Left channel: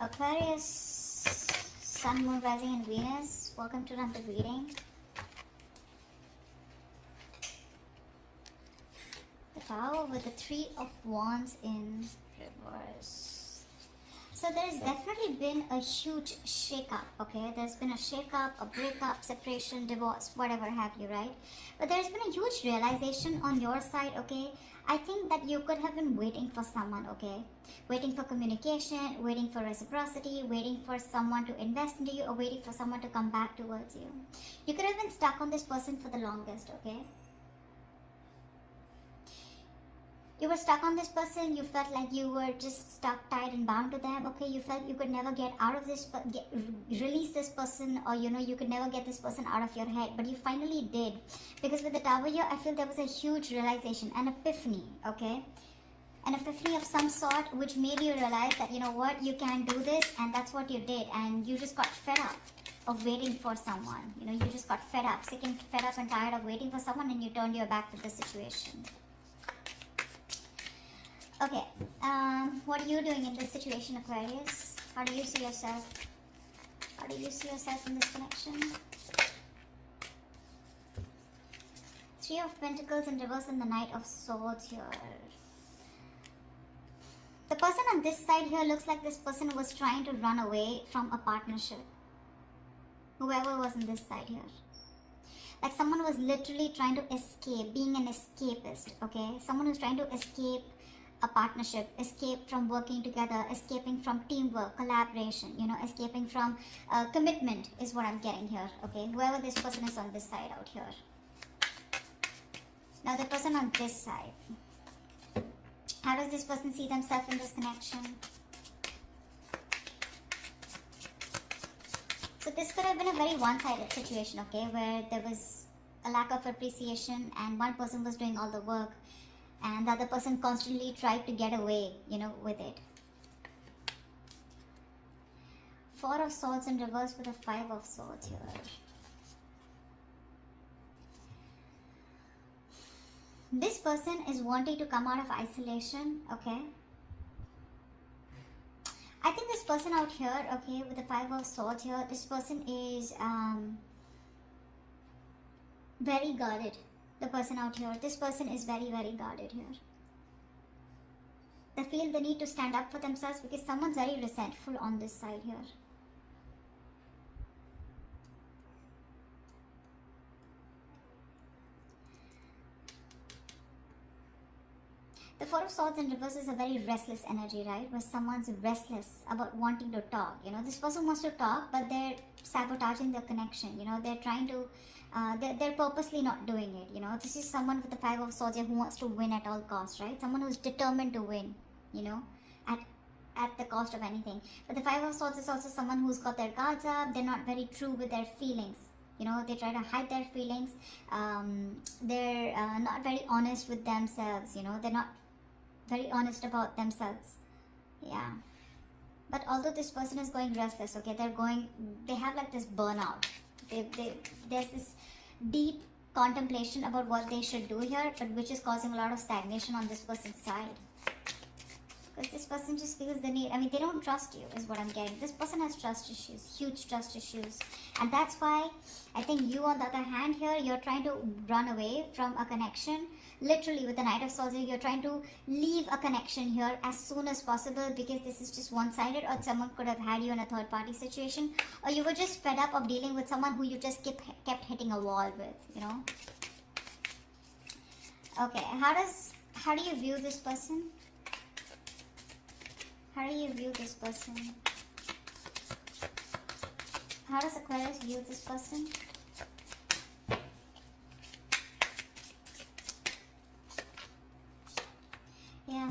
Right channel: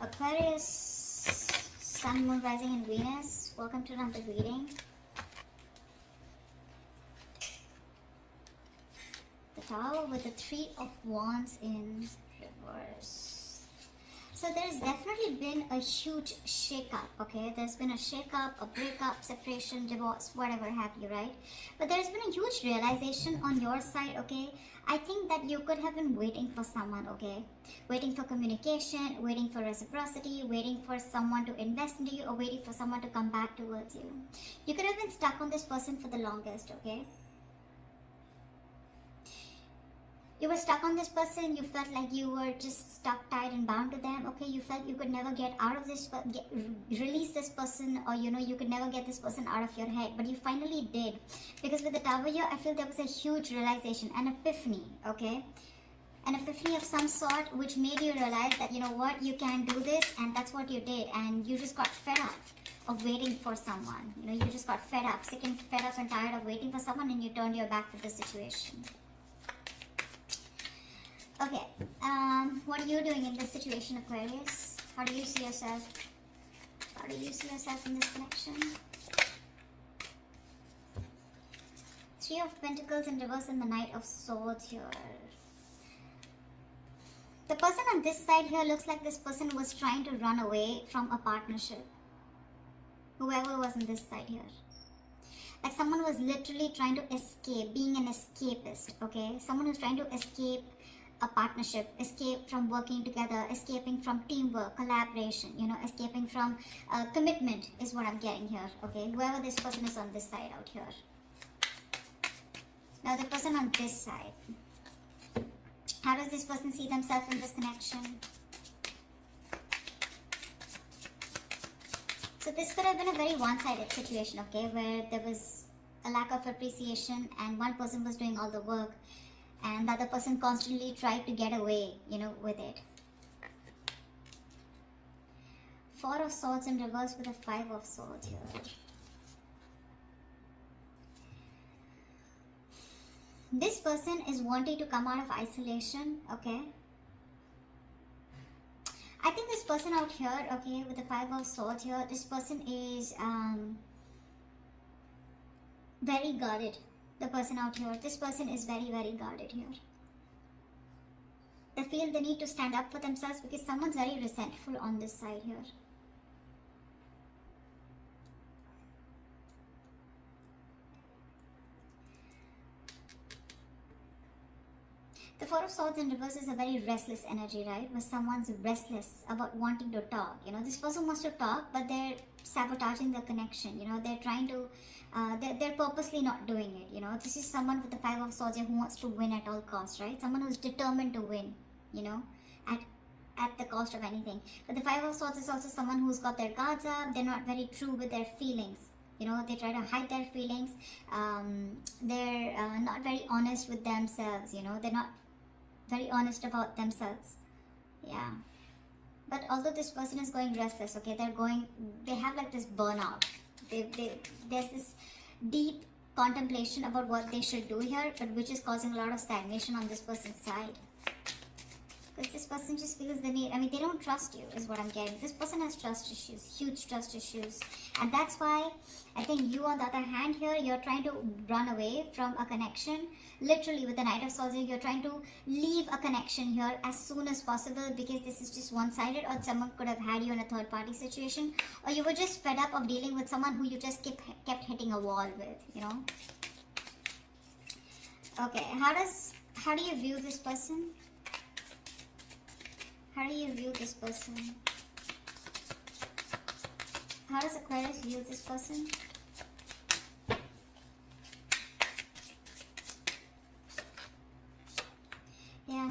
Aquarius, Sun, Moon, Rising and Venus, welcome to another reading. The Tower with the Three of Wands in reverse. So there's definitely been a huge shake-up, okay? There's been a shake-up, a breakup, separation, divorce, whatever have you, right? But there's been a huge realization on your side, okay? I think that you could have been waiting for someone, okay? Waiting for communication, waiting for reciprocity, waiting for someone to invest into you, or waiting for someone to come back towards you. You could have been stuck on this person for the longest, okay? You were stuck on this person, you felt like you were just stuck, tied and bound to them, okay? You felt you could never get out of this, release this person, or you know, you could never get this person out of your head, but you finally did. Because with the Tower here, I feel there was a huge realization, an epiphany, okay? An epiphany of some sort, which made you realize that, you know what, you can do this, and that's what you did, and you just got fed up of waiting for someone. You know, you just got fed up, sick and fed up and tired of waiting for someone, and you turned your back to the situation. Okay, what are you doing in this situation, Aquarius? How do you see yourself? How do you see yourself in this connection? Three of Pentacles in reverse and the Knight of Swords here. The person on this side here looks like this person was trying to run away from a partnership. Whoever was on this side here. Like someone was literally trying to escape, being an escapist, okay? Someone who's trying to escape a partnership, escape from working together, escaping from teamwork, collaboration, you know, escaping from commitment is what I'm getting here, okay? Whoever this person is on this side out here. Now the person on this side. How does this person see themselves in this connection? So this could have been a very one-sided situation, okay, where there was a lack of appreciation and one person was doing all the work and the other person constantly tried to get away, you know, with it. Four of Swords in reverse with a Five of Swords here. This person is wanting to come out of isolation, okay? I think this person out here, okay, with the Five of Swords here, this person is very guarded. The person out here, this person is very, very guarded here. They feel the need to stand up for themselves because someone's very resentful on this side here. The Four of Swords in reverse is a very restless energy, right? Where someone's restless about wanting to talk. You know, this person wants to talk, but they're sabotaging the connection. You know, they're trying to, they're purposely not doing it. You know, this is someone with the Five of Swords who wants to win at all costs, right? Someone who's determined to win, you know, at the cost of anything. But the Five of Swords is also someone who's got their guards up. They're not very true with their feelings. You know, they try to hide their feelings. They're not very honest with themselves. You know, they're not very honest about themselves. Yeah. But although this person is going restless, okay, they have like this burnout. There's this deep contemplation about what they should do here, but which is causing a lot of stagnation on this person's side. Because this person just feels the need, I mean, they don't trust you is what I'm getting. This person has trust issues, huge trust issues. And that's why I think you on the other hand here, you're trying to run away from a connection. Literally with the Knight of Swords, you're trying to leave a connection here as soon as possible because this is just one-sided, or someone could have had you in a third-party situation, or you were just fed up of dealing with someone who you just kept hitting a wall with, you know. Okay, how do you view this person? How do you view this person? How does Aquarius view this person? Yeah,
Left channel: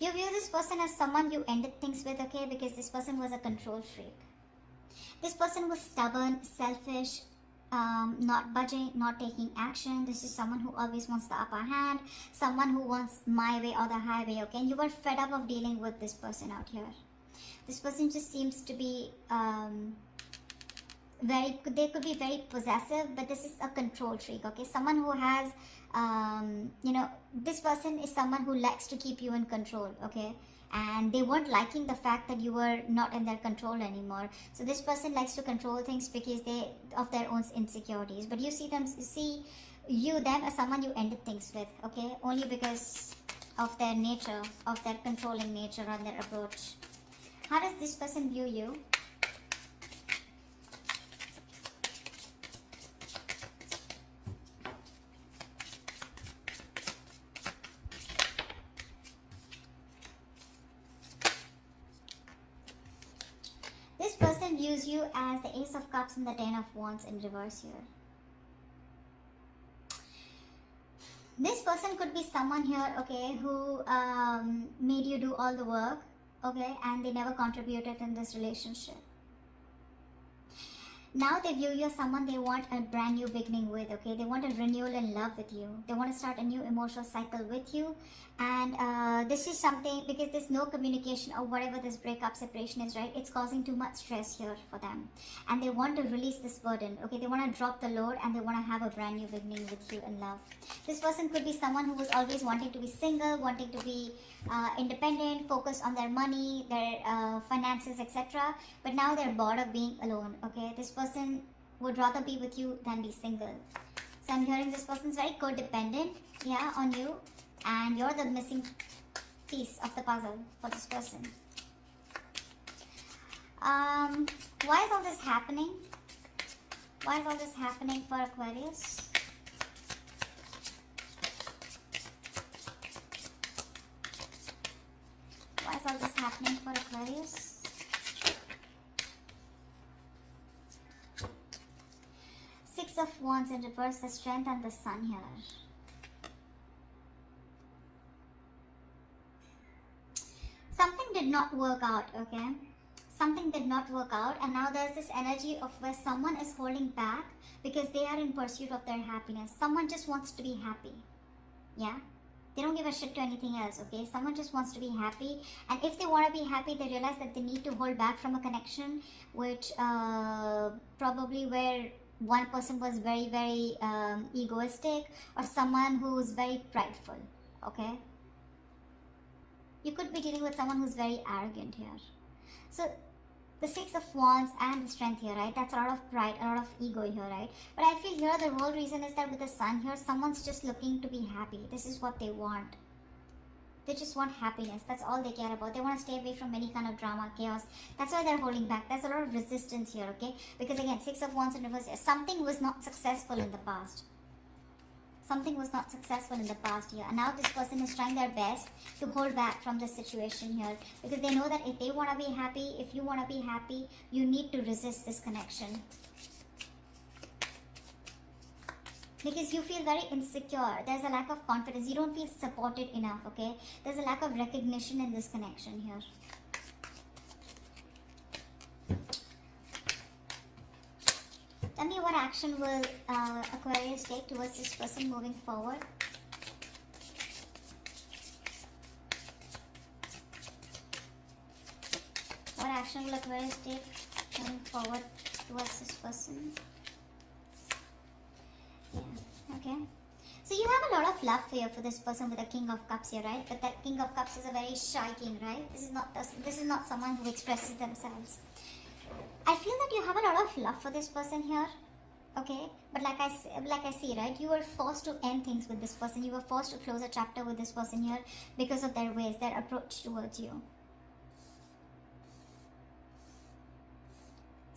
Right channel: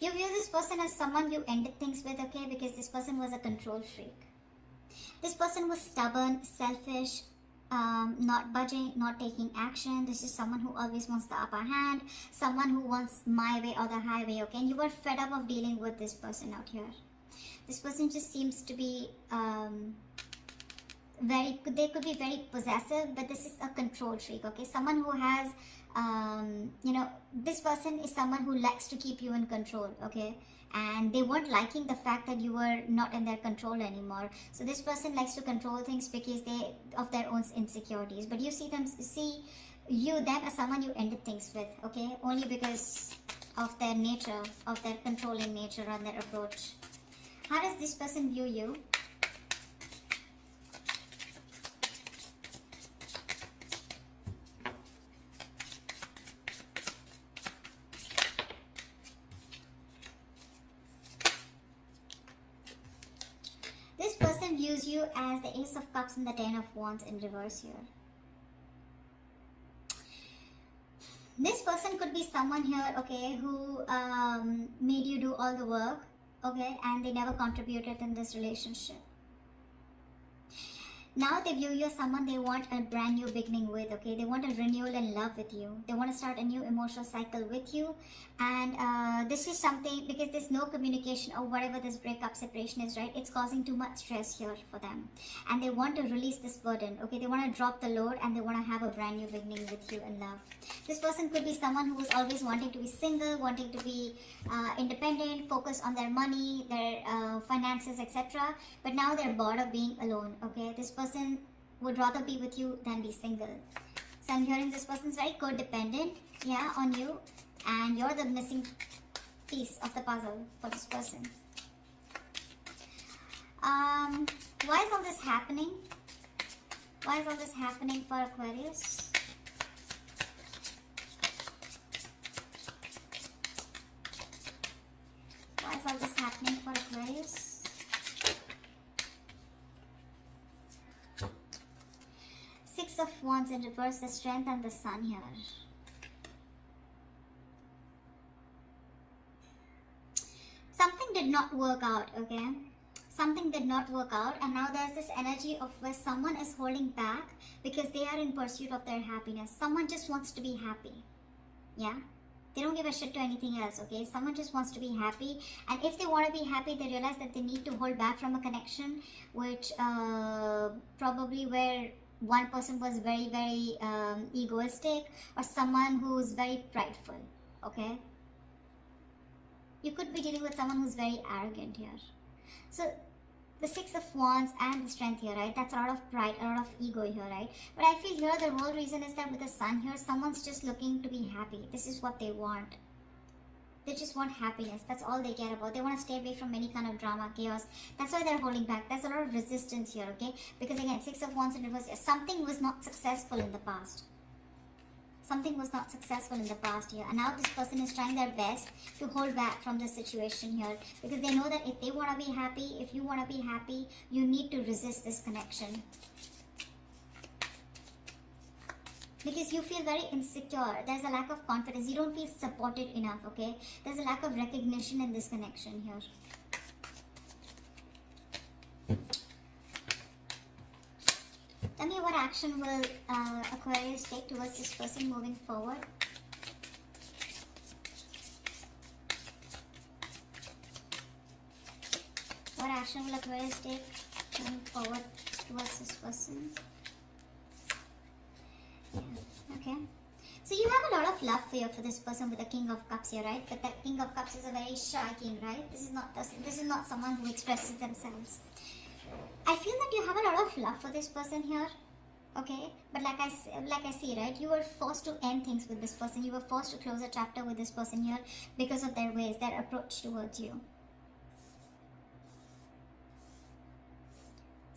you view this person as someone you ended things with, okay, because this person was a control freak. This person was stubborn, selfish, not budging, not taking action. This is someone who always wants the upper hand, someone who wants my way or the highway, okay? You were fed up of dealing with this person out here. This person just seems to be they could be very possessive, but this is a control freak, okay? Someone who has, you know, this person is someone who likes to keep you in control, okay? and they weren't liking the fact that you were not in their control anymore. So this person likes to control things because of their own insecurities, but you see them as someone you ended things with, okay, only because of their nature, of their controlling nature and their approach. How does this person view you? This person views you as the Ace of Cups and the Ten of Wands in reverse here. This person could be someone here, okay, who made you do all the work, okay, and they never contributed in this relationship. Now they view you as someone they want a brand new beginning with, okay? They want a renewal in love with you. They want to start a new emotional cycle with you. And this is something, because there's no communication or whatever this breakup separation is, right? It's causing too much stress here for them. And they want to release this burden, okay? They want to drop the load and they want to have a brand new beginning with you in love. This person could be someone who was always wanting to be single, wanting to be independent, focused on their money, their finances, etc. But now they're bored of being alone, okay? This person would rather be with you than be single. So I'm hearing this person is very codependent, yeah, on you, and you're the missing piece of the puzzle for this person. Why is all this happening? Why is all this happening for Aquarius? Why is all this happening for Aquarius? Six of Wands in reverse, the Strength and the Sun here. Something did not work out, okay? Something did not work out, and now there's this energy of where someone is holding back because they are in pursuit of their happiness. Someone just wants to be happy, yeah? They don't give a shit to anything else, okay? Someone just wants to be happy, and if they want to be happy, they realize that they need to hold back from a connection, which probably where one person was very, very egoistic, or someone who's very prideful, okay? You could be dealing with someone who's very arrogant here. So the Six of Wands and the Strength here, right? That's a lot of pride, a lot of ego here, right? But I feel here the real reason is that with the Sun here, someone's just looking to be happy. This is what they want. They just want happiness. That's all they care about. They want to stay away from any kind of drama, chaos. That's why they're holding back. There's a lot of resistance here, okay? Because again, Six of Wands in reverse, something was not successful in the past. Something was not successful in the past here, and now this person is trying their best to hold back from this situation here, because they know that if they want to be happy, if you want to be happy, you need to resist this connection, because you feel very insecure. There's a lack of confidence. You don't feel supported enough, okay? There's a lack of recognition in this connection here. Tell me what action will Aquarius take towards this person moving forward. What action will Aquarius take moving forward towards this person? Yeah, okay. So you have a lot of love here for this person with the King of Cups here, right? But that King of Cups is a very shy king, right? This is not someone who expresses themselves. I feel that you have a lot of love for this person here, okay? But like I see, right? You were forced to end things with this person. You were forced to close a chapter with this person here because of their ways, their approach towards you.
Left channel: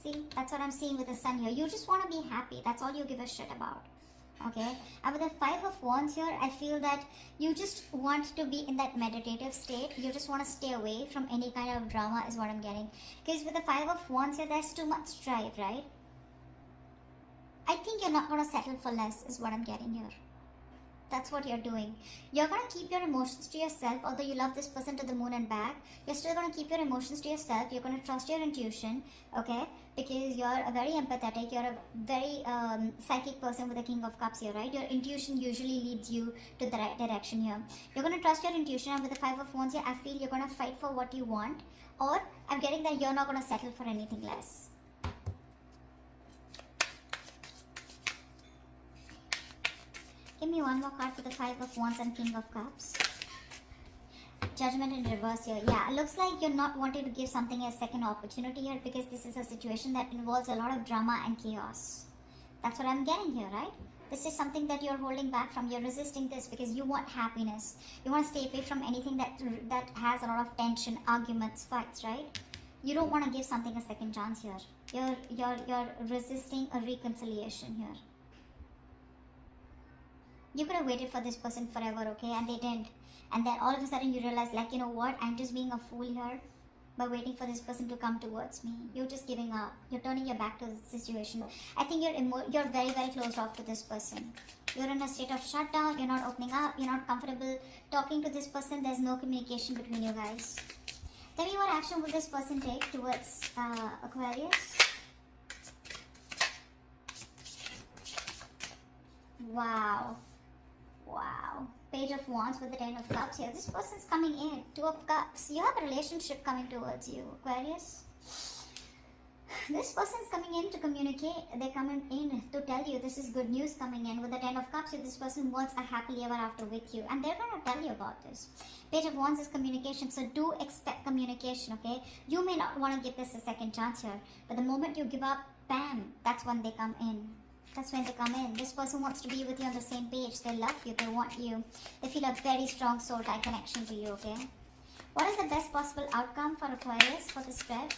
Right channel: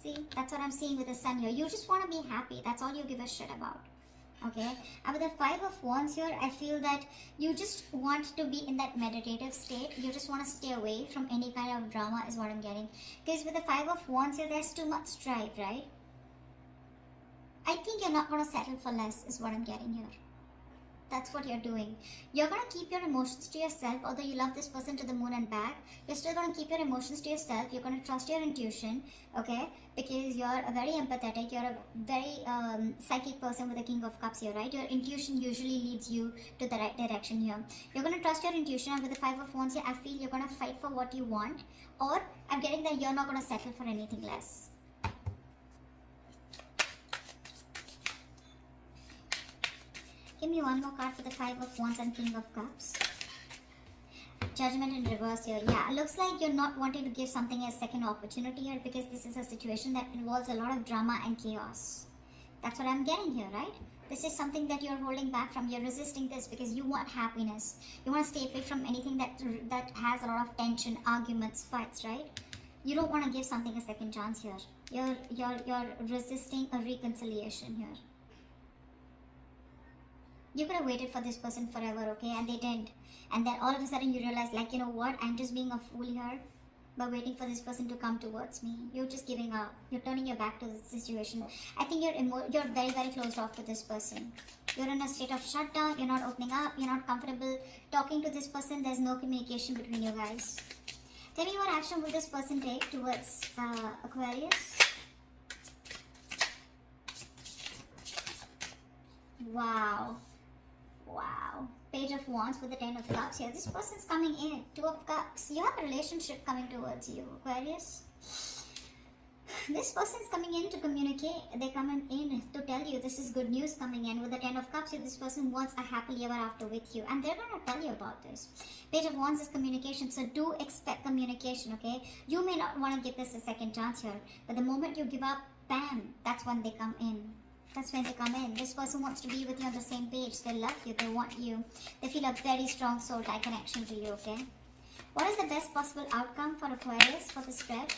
See, that's what I'm seeing with the Sun here. You just want to be happy. That's all you give a shit about. Okay, and with the Five of Wands here, I feel that you just want to be in that meditative state. You just want to stay away from any kind of drama is what I'm getting. Because with the Five of Wands here, there's too much strife, right? I think you're not going to settle for less is what I'm getting here. That's what you're doing. You're going to keep your emotions to yourself. Although you love this person to the moon and back, you're still going to keep your emotions to yourself. You're going to trust your intuition, okay? Because you're a very empathetic, you're a very psychic person with the King of Cups here, right? Your intuition usually leads you to the right direction here. You're going to trust your intuition, and with the Five of Wands here, I feel you're going to fight for what you want, or I'm getting that you're not going to settle for anything less. Give me one more card for the Five of Wands and King of Cups. Judgment in reverse here. Yeah, looks like you're not wanting to give something a second opportunity here, because this is a situation that involves a lot of drama and chaos. That's what I'm getting here, right? This is something that you're holding back from. You're resisting this because you want happiness. You want to stay away from anything that has a lot of tension, arguments, fights, right? You don't want to give something a second chance here. You're resisting a reconciliation here. You could have waited for this person forever, okay? And they didn't. And then all of a sudden you realize, like, you know what? I'm just being a fool here by waiting for this person to come towards me. You're just giving up. You're turning your back to the situation. I think you're very, very closed off to this person. You're in a state of shutdown. You're not opening up. You're not comfortable talking to this person. There's no communication between you guys. Tell me, what action will this person take towards Aquarius? Wow. Wow. Page of Wands with the 10 of Cups here. This person's coming in. 2 of Cups. You have a relationship coming towards you, Aquarius. This person's coming in to communicate. They're coming in to tell you this is good news coming in. With the 10 of Cups here, this person wants a happily ever after with you. And they're going to tell you about this. Page of Wands is communication. So do expect communication, okay? You may not want to give this a second chance here. But the moment you give up, bam, that's when they come in. That's when they come in. This person wants to be with you on the same page. They love you. They want you. They feel a very strong soul tie connection to you, okay? What is the best possible outcome for Aquarius for this spread?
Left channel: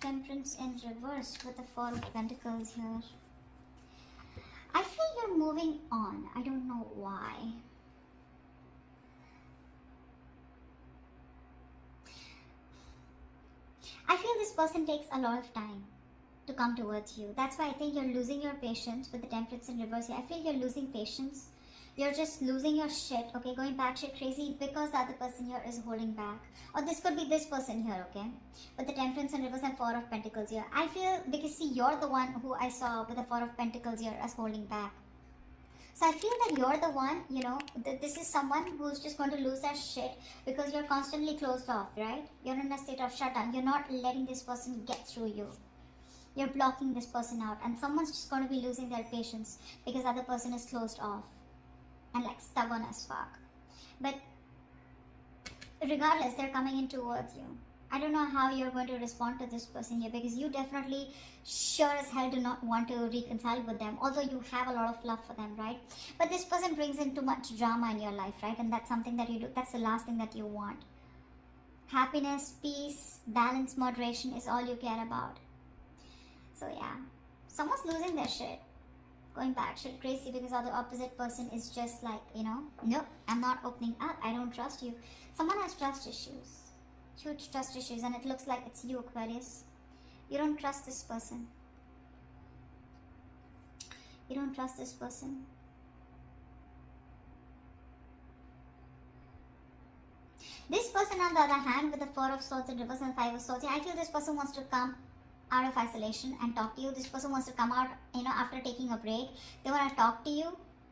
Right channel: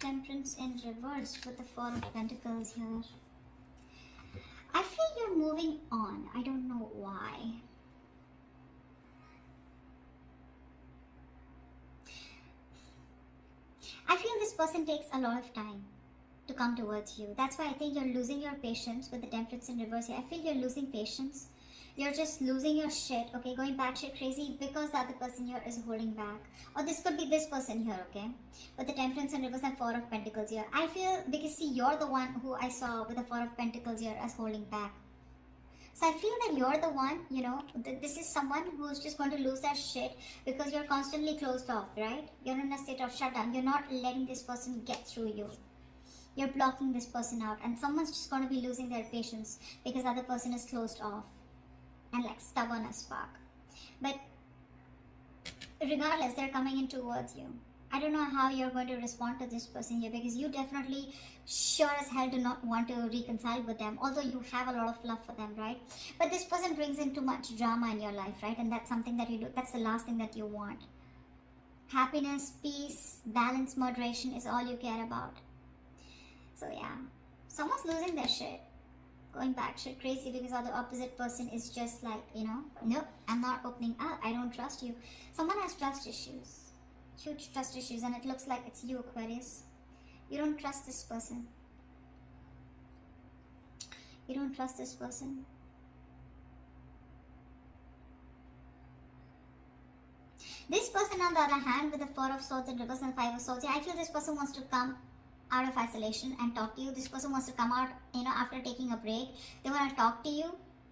Temperance in reverse with the 4 of Pentacles here. I feel you're moving on. I don't know why. I feel this person takes a lot of time to come towards you. That's why I think you're losing your patience with the Temperance in reverse here. I feel you're losing patience. You're just losing your shit, okay? Going batshit crazy because the other person here is holding back. Or this could be this person here, okay? With the Temperance in reverse and 4 of Pentacles here. I feel, because see, you're the one who I saw with the 4 of Pentacles here as holding back. So I feel that you're the one, you know, this is someone who's just going to lose their shit because you're constantly closed off, right? You're in a state of shutdown. You're not letting this person get through you. You're blocking this person out. And someone's just going to be losing their patience because the other person is closed off and like stubborn as fuck. But regardless, they're coming in towards you. I don't know how you're going to respond to this person here, because you definitely sure as hell do not want to reconcile with them, although you have a lot of love for them, right? But this person brings in too much drama in your life, right? And that's something that you do. That's the last thing that you want. Happiness, peace, balance, moderation is all you care about. So yeah, someone's losing their shit, going batshit crazy because the opposite person is just like, you know, nope, I'm not opening up. I don't trust you. Someone has trust issues. Huge trust issues, and it looks like it's you, Aquarius. You don't trust this person. You don't trust this person. This person, on the other hand, with the 4 of Swords in reverse and 5 of Swords, I feel this person wants to come out of isolation and talk to you. This person wants to come out, you know, after taking a break. They want to talk to you.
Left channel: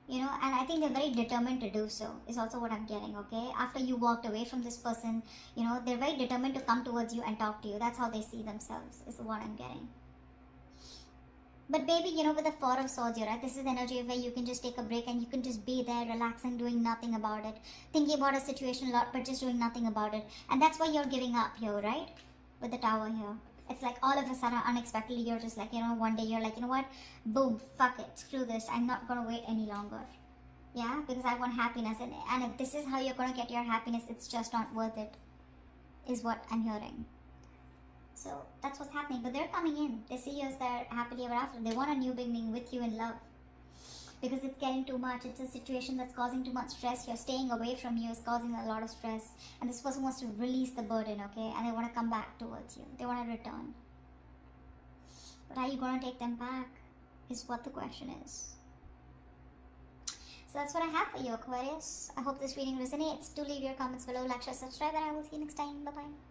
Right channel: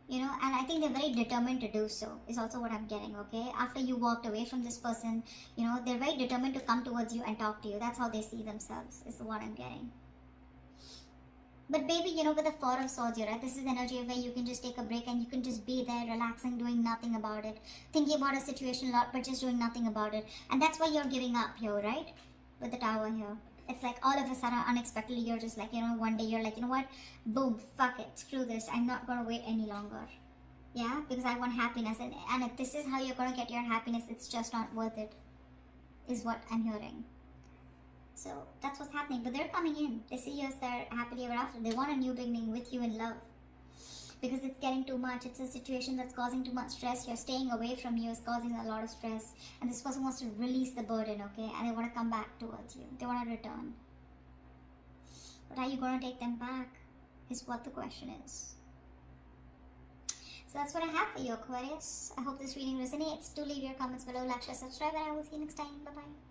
You know, and I think they're very determined to do so, is also what I'm getting, okay? After you walked away from this person, you know, they're very determined to come towards you and talk to you. That's how they see themselves, is what I'm getting. But maybe, you know, with the 4 of Swords here, right? This is the energy where you can just take a break and you can just be there, relaxing, doing nothing about it. Thinking about a situation a lot, but just doing nothing about it. And that's why you're giving up here, right? With the Tower here. It's like all of a sudden, unexpectedly, you're just like, you know, one day you're like, you know what? Boom, fuck it, screw this. I'm not going to wait any longer. Yeah, because I want happiness. And if this is how you're going to get your happiness, it's just not worth it, is what I'm hearing. So that's what's happening. But they're coming in. They see you as their happily ever after. They want a new beginning with you in love. Because it's getting too much. It's a situation that's causing too much stress. You're staying away from you is causing a lot of stress. And this person wants to release the burden, okay? And they want to come back towards you. They want to return. But are you going to take them back? Is what the question is. So that's what I have for you, Aquarius. I hope this reading resonates. Do leave your comments below, like, share, subscribe, and I will see you next time. Bye-bye.